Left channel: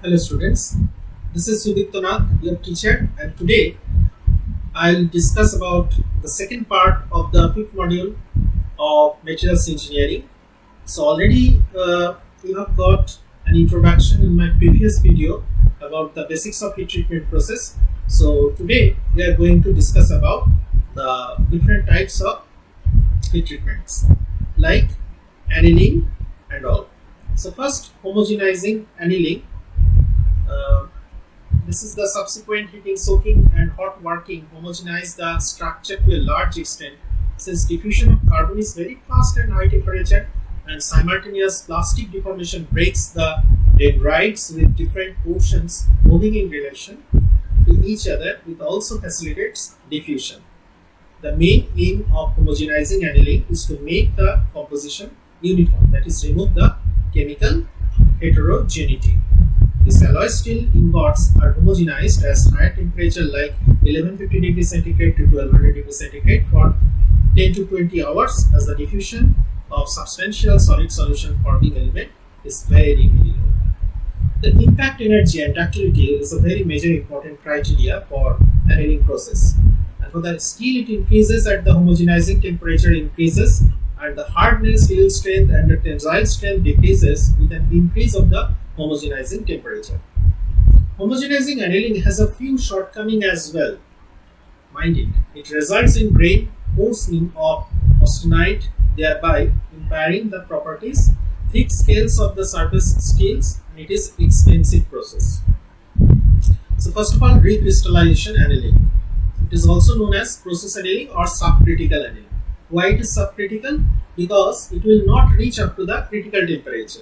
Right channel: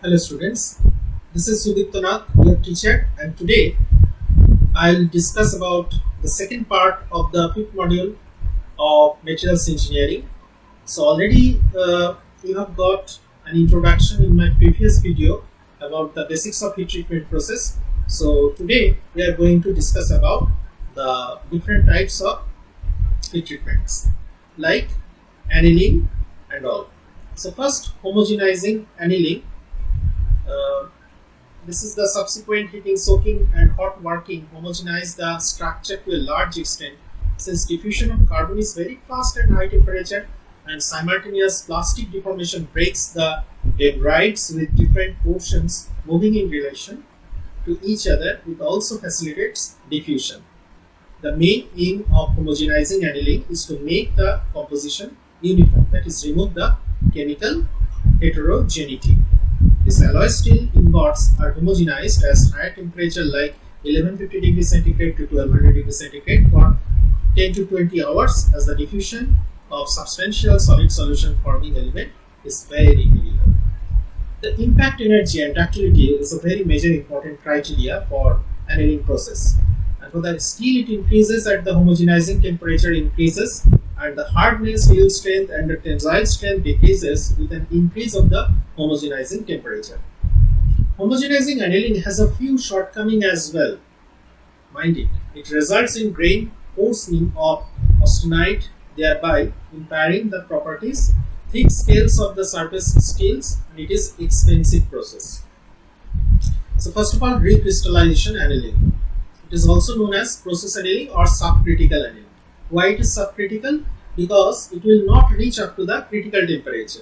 Hello students, this is Sudiptanath, your teacher, and today I'll discuss about the second part of the fifth module of materials engineering. So already you have got an introduction in my previous video about the basics of heat treatment process. So today we are going to discuss about the different types of heat treatments like annealing and all. So first, homogenizing annealing. Uh, This is the subsequent heating, soaking, and hot working homogenize the structure to a large extent, since diffusion of carbon is very fast and high temperature, and simultaneous plastic deformation breaks the dendrites with different portions moving in relation to each other, which also facilitates diffusion. The main aim of homogenizing annealing is to make the composition uniform, that is, remove the chemical heterogeneity. These alloy steel ingots are homogenized as higher temperature like 1150 degrees centigrade to 1200 degrees centigrade for 10 to 20 hours, as the diffusion of substantial solid solution forming element is very low. The impact energy and ductility is a very major important criteria for annealing process. And for the steel, it increases at the homogenizing temperature increases, and the hardness, yield strength, and the tensile strength decreases with an increase of the homogenizing temperature. Homogenizing annealing has a few shortcomings as well. Mind it, it results in grain coarsening of austenite, thereby impairing the properties, thick scales of the surface steels, and it is expensive process. So first of all, recrystallization annealing. It is also known as process annealing or subcritical annealing. Why it is subcritical? Because it will not reach up to the critical temperature.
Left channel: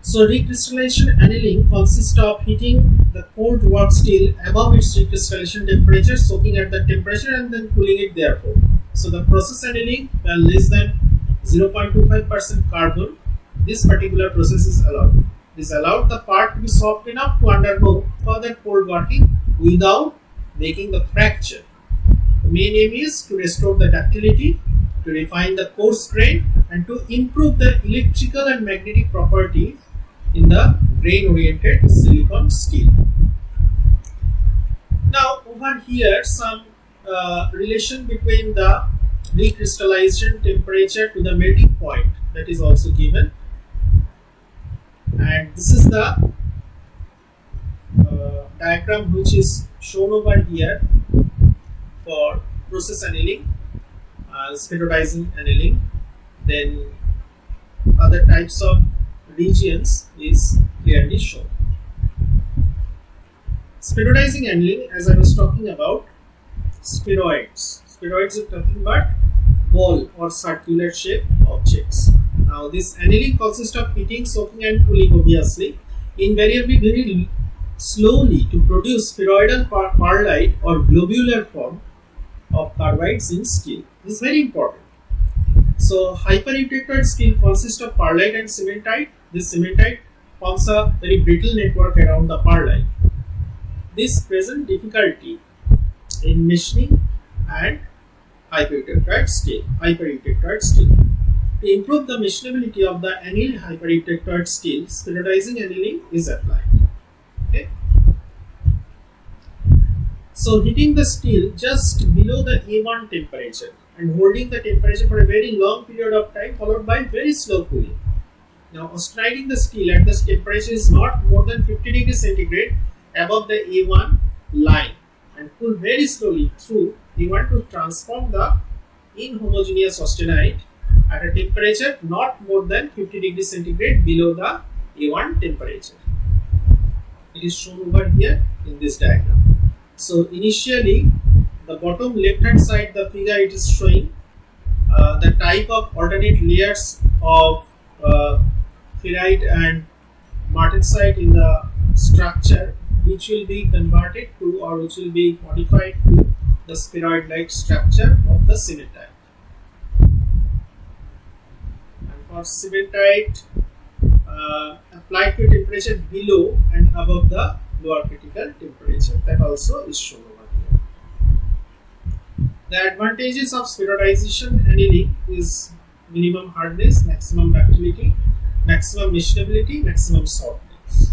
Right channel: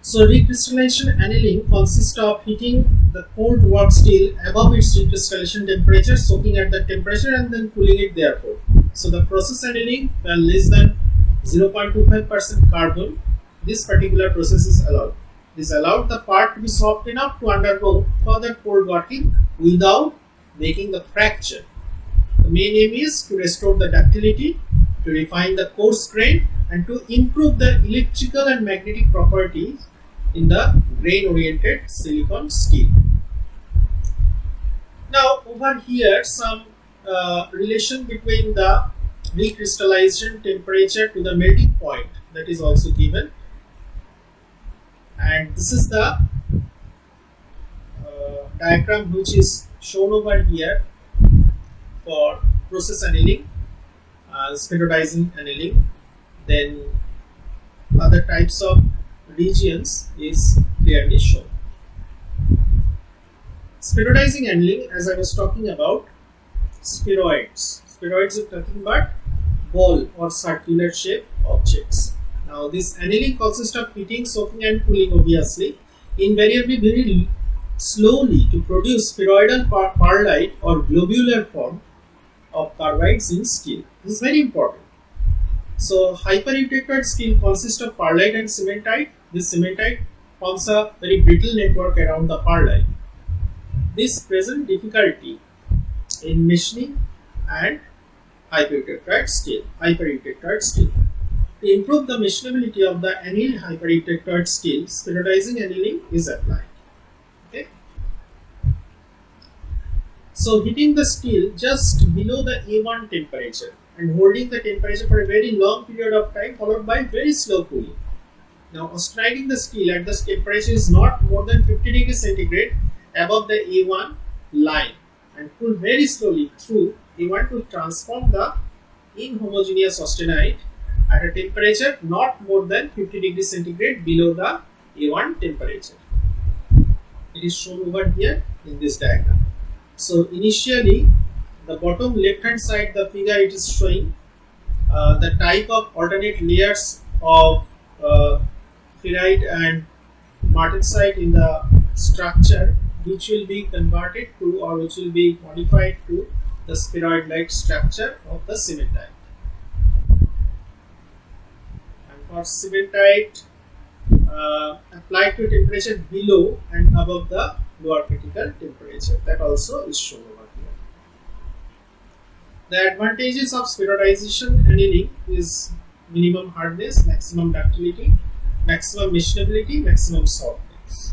So recrystallization annealing consists of heating the cold work steel above its recrystallization temperature, soaking at that temperature, and then cooling it therefore. So the process annealing, where less than 0.25% carbon, this particular process is allowed. This allowed the part to be soft enough to undergo further cold working without making the fracture. The main aim is to restore the ductility, to refine the coarse grain, and to improve the electrical and magnetic properties in the grain-oriented silicon steel. Now, over here, some relation between the recrystallization temperature to the melting point, that is also given. And this is the diagram which is shown over here for process annealing, standardizing annealing, then other types of regions is clearly shown. Standardizing annealing, as I was talking about, spheroids. Spheroids are nothing but ball or circular shaped objects. Now this annealing consists of heating, soaking, and cooling, obviously, invariably very slowly to produce spheroidal pearlite or globular form of carbides in steel. This is very important. So hypereutectoid steel consists of pearlite and cementite. This cementite forms a very brittle network around the pearlite. This presents difficulty in machining and hypereutectoid steel. To improve the machinability of the annealed hypereutectoid steel, standardizing annealing is applied. Okay. So heating the steel just below the A1 temperature and holding the temperature for a very long period of time, followed by very slow cooling. Now austeniting the steel at this temperature is not more than 50 degrees centigrade above the A1 line, and cool very slowly through A1 to transform the inhomogeneous austenite at a temperature not more than 50 degrees centigrade below the A1 temperature. It is shown over here in this diagram. So initially, the bottom left hand side the figure, it is showing the type of alternate layers of ferrite and martensite in the structure, which will be converted to, or which will be modified to, the spheroid-like structure of the cementite. And for cementite, applied to a temperature below and above the lower critical temperature, that also is shown over here. The advantages of spheroidization annealing is minimum hardness, maximum ductility, maximum machinability, maximum softness.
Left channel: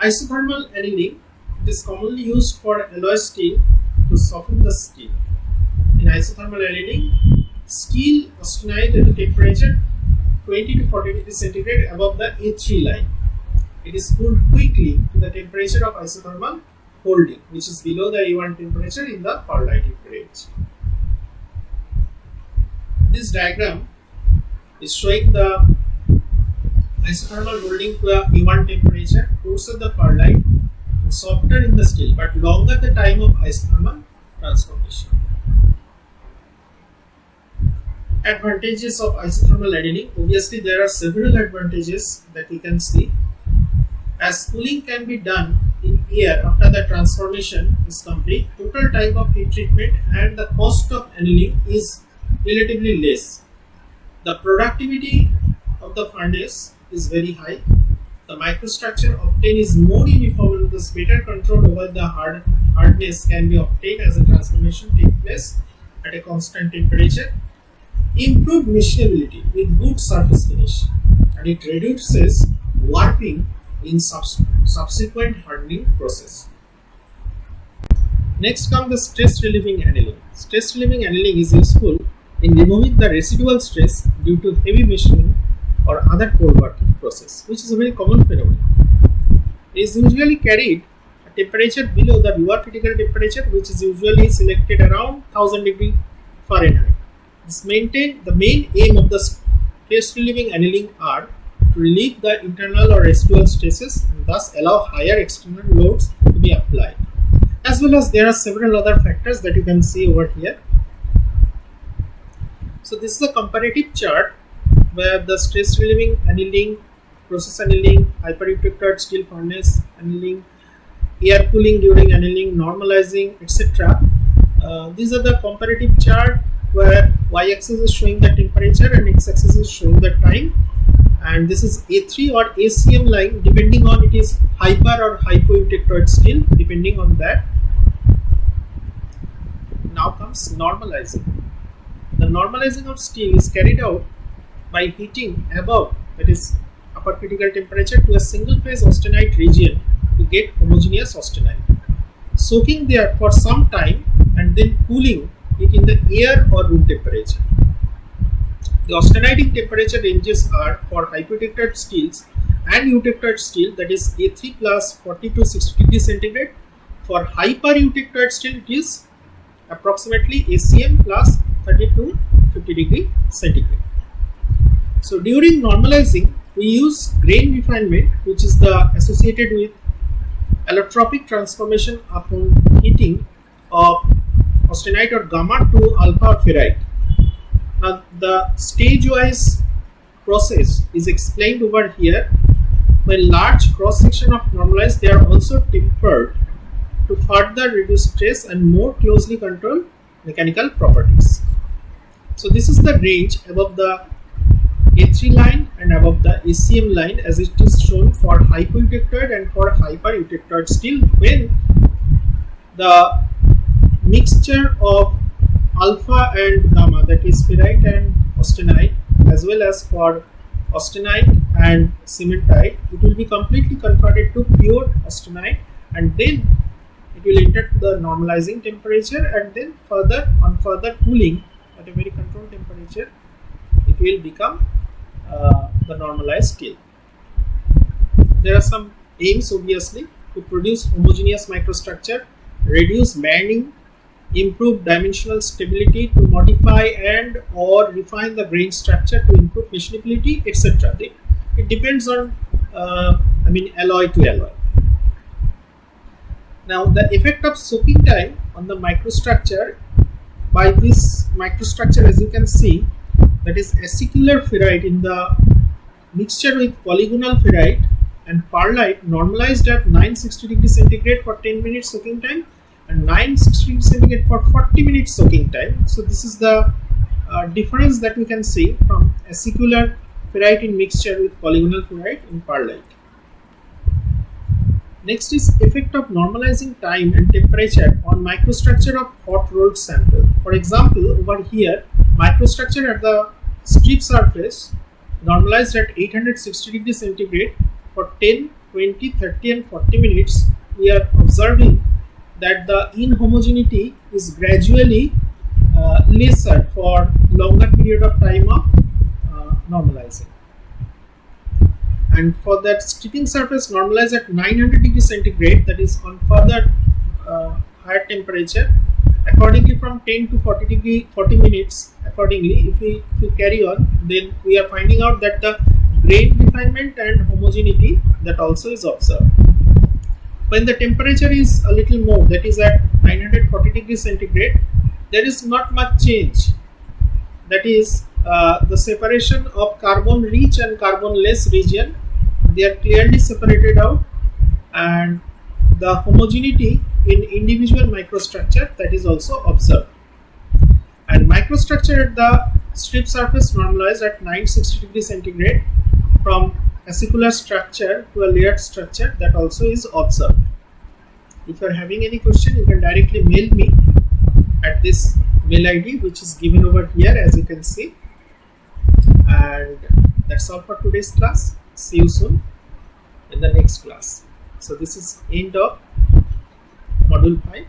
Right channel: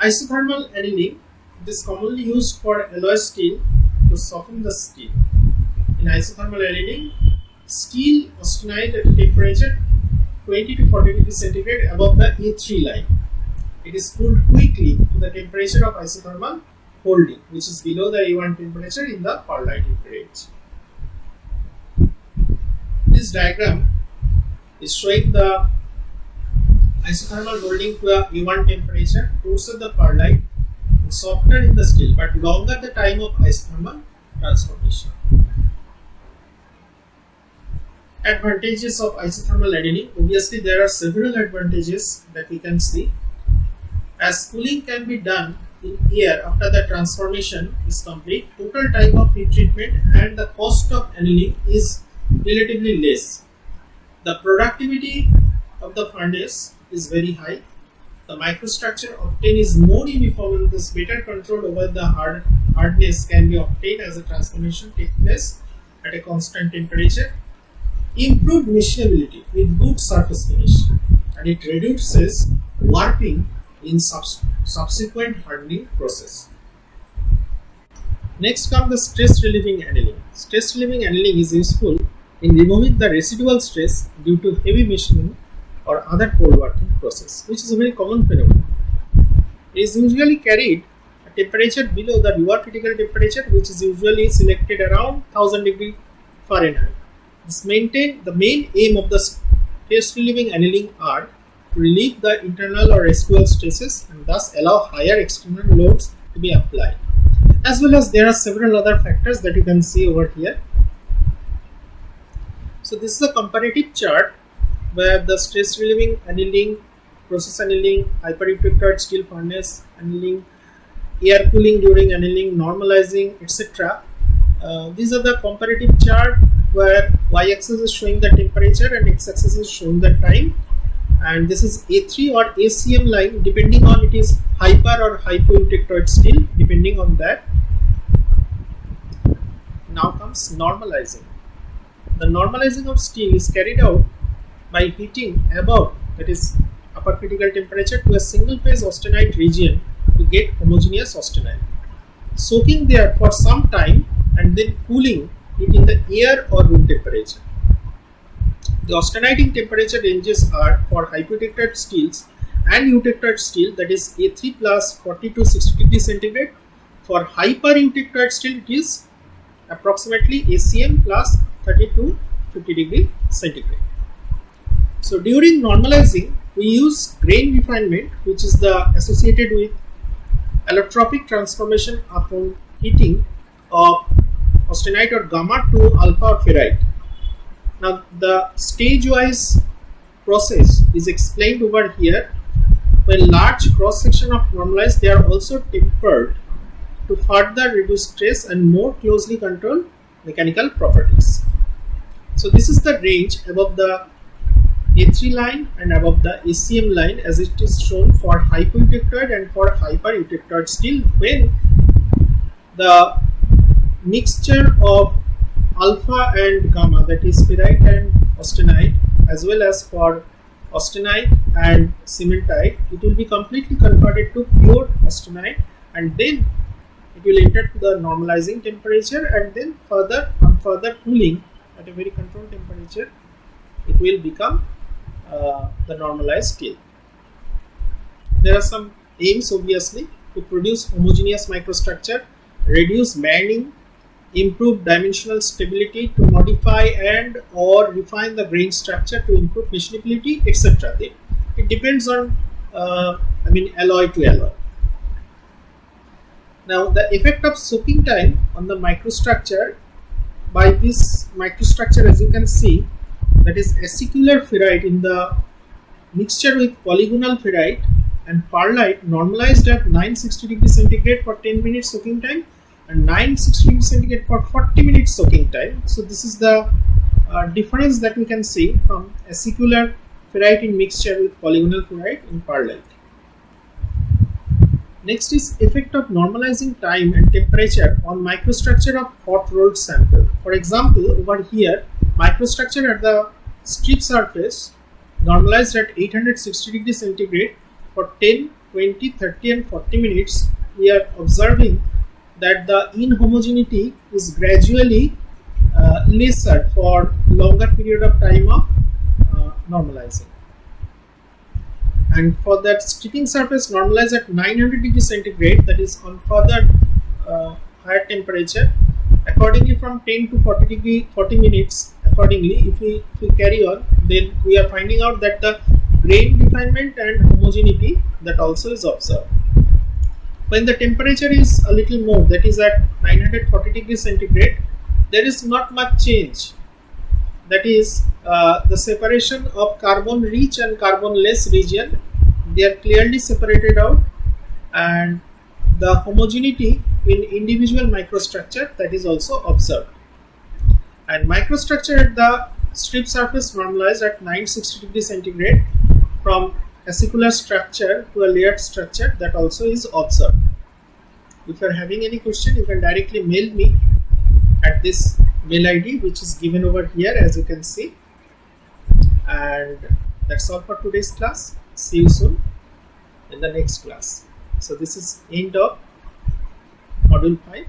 Isothermal annealing, it is commonly used for alloy steel to soften the steel. In isothermal annealing, steel austenite at a temperature 20 to 40 degrees centigrade above the A3 line. It is cooled quickly to the temperature of isothermal holding, which is below the A1 temperature in the pearlite range. This diagram is showing the isothermal holding to a A1 temperature closer the pearlite and softer in the steel but longer the time of isothermal transformation. Advantages of isothermal annealing. Obviously, there are several advantages that we can see. As cooling can be done in air after the transformation is complete, total time of heat treatment and the cost of annealing is relatively less. The productivity of the furnace is very high. The microstructure obtained is more uniform and thus better control over the hardness can be obtained as a transformation takes place at a constant temperature. Improved machinability with good surface finish, and it reduces warping in subsequent hardening process. Next comes the stress relieving annealing. Stress relieving annealing is useful in removing the residual stress due to heavy machining or other cold working process, which is a very common phenomenon. It is usually carried at temperature below the lower critical temperature, which is usually selected around 1000 degree Fahrenheit. The main aim of the stress relieving annealing are to relieve the internal or residual stresses and thus allow higher external loads to be applied. As well as there are several other factors that you can see over here. So this is a comparative chart where the stress relieving annealing, process annealing, hyper-eutectoid steel furnace annealing, air cooling during annealing, normalizing, etc. These are the comparative chart where y-axis is showing the temperature and x-axis is showing the time, and this is A3 or ACM line depending on it is hyper or hypo-eutectoid steel depending on that. Now comes normalizing. The normalizing of steel is carried out by heating above, that is upper critical temperature, to a single phase austenite region to get homogeneous austenite, soaking there for some time and then cooling it in the air or room temperature. The austeniting temperature ranges are for hypoeutectoid steels and eutectoid steel, that is A3 plus 40 to 60 degrees centigrade. For hyper-eutectoid steel it is approximately ACM plus 30 to 50 degree centigrade. So during normalizing we use grain refinement, which is the associated with allotropic transformation upon heating of austenite or gamma to alpha or ferrite. Now the stage-wise process is explained over here. When large cross section of normalized, they are also tempered to further reduce stress and more closely control mechanical properties. So this is the range above the A3 line and above the ACM line as it is shown for hypoeutectoid and for hyper-eutectoid steel, when the mixture of alpha and gamma, that is ferrite and austenite, as well as for austenite and cementite, it will be completely converted to pure austenite, and then it will enter to the normalizing temperature, and then on further cooling at a very controlled temperature it will become the normalized steel. There are some aims obviously to produce homogeneous microstructure, reduce bending, improve dimensional stability, to modify and or refine the grain structure to improve machinability, etc. It depends on alloy to alloy. Now the effect of soaking time on the microstructure. By this microstructure, as you can see, that is acicular ferrite in the mixture with polygonal ferrite and pearlite normalized at 960 degrees centigrade for 10 minutes soaking time and 960 degrees centigrade for 40 minutes soaking time. So this is the difference that we can see from acicular ferrite in mixture with polygonal ferrite in pearlite. Next is effect of normalizing time and temperature on microstructure of hot rolled sample. For example, over here, microstructure at the strip surface normalized at 860 degrees centigrade for 10 20, 30 and 40 minutes, we are observing that the inhomogeneity is gradually lesser for longer period of time of normalizing. And for that stripping surface normalize at 900 degrees centigrade, that is on further higher temperature, accordingly from 10 to 40 minutes accordingly, if we carry on, then we are finding out that the grain refinement and homogeneity that also is observed. When the temperature is a little more, that is at 940 degrees centigrade, there is not much change. That is the separation of carbon rich and carbon less region, they are clearly separated out, and the homogeneity in individual microstructure that is also observed. And microstructure at the strip surface normalized at 960 degrees centigrade from acicular structure to a layered structure, that also is observed. If you are having any question, you can directly mail me at this mail ID which is given over here, as you can see. And that's all for today's class. See you soon in the next class. So this is end of module 5.